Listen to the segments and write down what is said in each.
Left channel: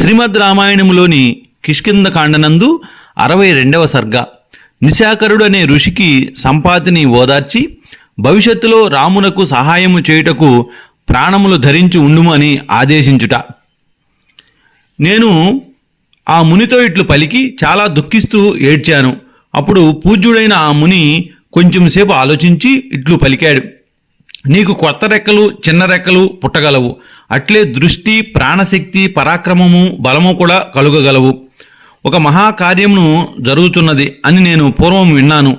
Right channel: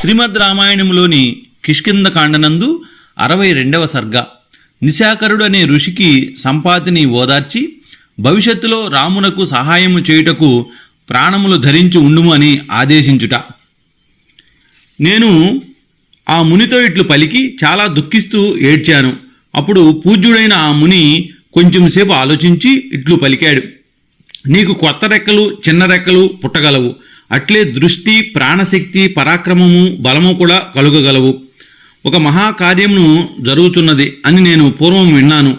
శ్రీమద్ రామాయణంలోని కిష్కింద కాండనందు అరవై రెండవ సర్గ. నిశాకరుడు అనే ఋషికి సంపాతిని ఓదార్చి భవిష్యత్తులో రామునకు సహాయము చేయుటకు ప్రాణములు ధరించి ఉండుము అని ఆదేశించుట. నేను ఆ మునితో ఇట్లు పలికి చాలా దుఃఖిస్తూ ఏడ్చాను. అప్పుడు పూజ్యుడైన ఆ ముని కొంచెంసేపు ఆలోచించి ఇట్లు పలికాడు. నీకు కొత్త రెక్కలు చిన్న రెక్కలు పుట్టగలవు. అట్లే దృష్టి ప్రాణశక్తి పరాక్రమము బలము కూడా కలుగగలవు. ఒక మహాకార్యమును జరుగుతున్నది అని నేను పూర్వం విన్నాను.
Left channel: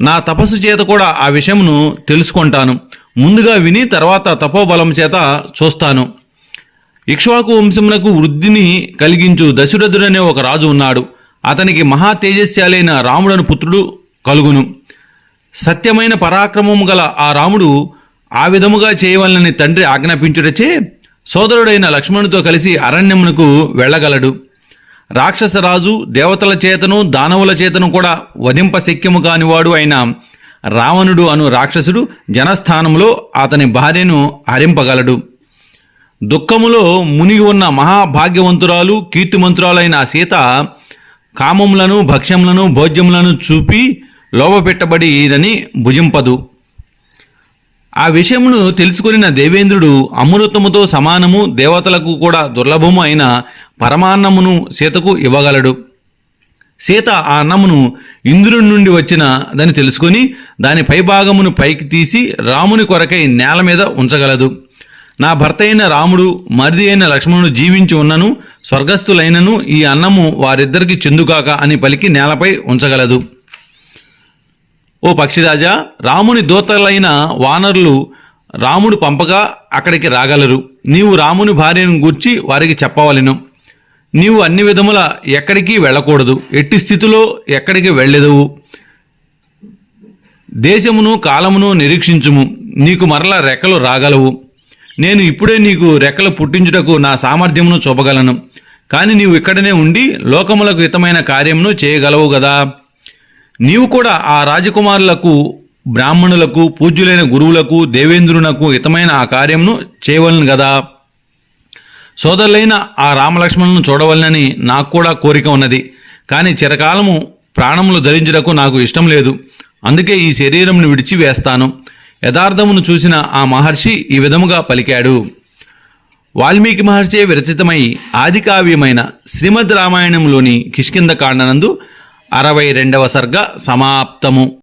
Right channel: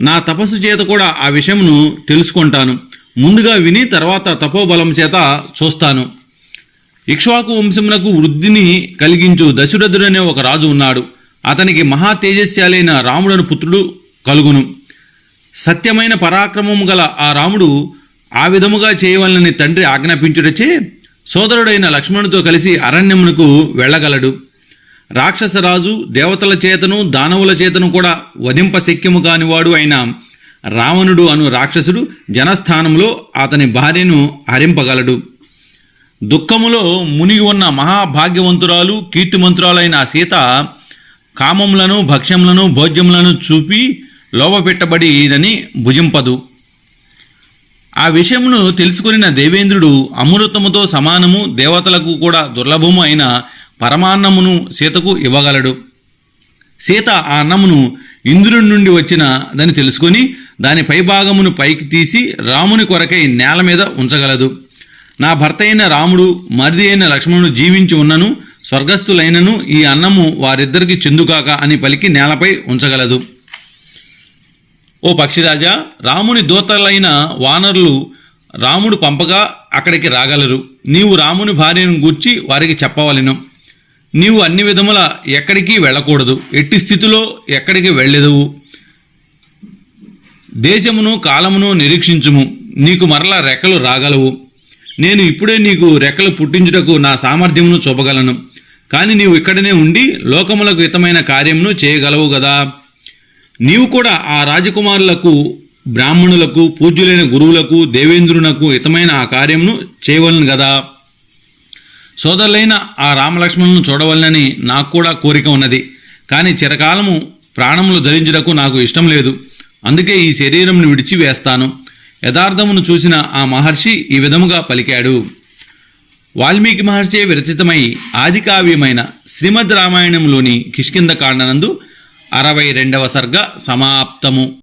నా తపస్సు చేత కూడా ఆ విషయమును తెలుసుకుంటాను. ముందుగా విని తర్వాత తపోబలం చేత చూస్తాను. ఇక్ష్వాకు వంశమునకు వృద్ధిని కలిగించు దశరథుడనే ఒక రాజు ఉన్నాడు. అతనికి మహా తేజస్యాలైన రాముడను పుత్రుడు కలుగును. సత్యమైన పరాక్రమము గల ఆ రాముడు ఆ విధముగా చేయవలనని తండ్రి ఆజ్ఞాపించుటచే సోదరుడైన లక్ష్మణుతో కలిసి అరణ్యమునకు వెళ్ళగలడు. రాక్షసరాజు దేవతల చేతను దానవుల చేతను కూడా వధింప శక్యము కానివాడు అయిన రావణుడు అను రాక్షసుడు జనస్థానంలో అతని భార్యను హరింపగలడు. దుఃఖములో మునిగి ఉన్న మహాభాగ్యవంతురాలు కీర్తిమంతురాలైన సీత కామములను భక్ష్యములను భోజ్యములను చూపి లోపపెట్టబడినని భుజింపదు. ఆ విషయమును తెలుసుకొనిన దేవేంద్రుడు అమృతముతో సమానము దేవతలకు కూడా దుర్లభము అయిన పరమాన్నమును సీతకు ఇవ్వగలడు. సీత ఆ అన్నమును ఇంద్రుడి నుండి వచ్చిన దాన్ని తెలుసుకొని దాని పైభాగమును పైకి తీసి రాముని కొరకై నేల మీద ఉంచగలదు. నా భర్త అయిన రాముడు మరిది అయిన లక్ష్మణుడు జీవించి ఉన్నను స్వర్గస్థులైనను ఈ అన్నము వారిద్దరికి చెందుకాక అని పలికి నేలపై ఉంచగలదు. ఓ పక్షిరాజా రాముని దూతలైన వానరులు రాముడు పంపగా అక్కడికి రాగలరు. నీవు రాముని భార్యను గూర్చి వారికి చెప్పవలను. నీవు అన్ని విధముల ఎక్కడికి వెళ్ళకూడదు. ఎట్టి స్థితిలో ఎక్కడికి వెళ్ళెదవు. దేశమును కాలమును నిరీక్షించుము. నీకు మరల రెక్కలు రాగలవు. నేను ఇప్పుడే నీకు రెక్కలు పుట్టించుటకు నా సామర్థ్యమును చూపగలను. కానీ నీవు ఇక్కడనే ఉండి లోకములకు హితమైన కార్యమును చేయగలవు కదా నీవు కూడా ఆ రాజకుమారులకు బ్రాహ్మణులకు పూజ్యులైన గురువులకు దేవేంద్రునకు హితమైన ఆ కార్యమును చేయవలను కదా సోదరులైన ఆ రామలక్ష్మణులను చూడవలనని నాకు కూడా కోరిక ఉన్నది. కానీ చిరకాలము ప్రాణములు ధరించుటకు నాకు ఇష్టం లేదు. అందుకే ఈ శరీరంను విడిచి వేస్తాను యథార్థమును చూసిన ఆ మహర్షి ఈ విధముగా పలికాడు. వాల్మీకి మహర్షి విరచితమై ఆదికావ్యమైన శ్రీమద్ రామాయణంలోని కిష్కింద కాండనందు అరవై రెండవ సర్గ సమాప్తము.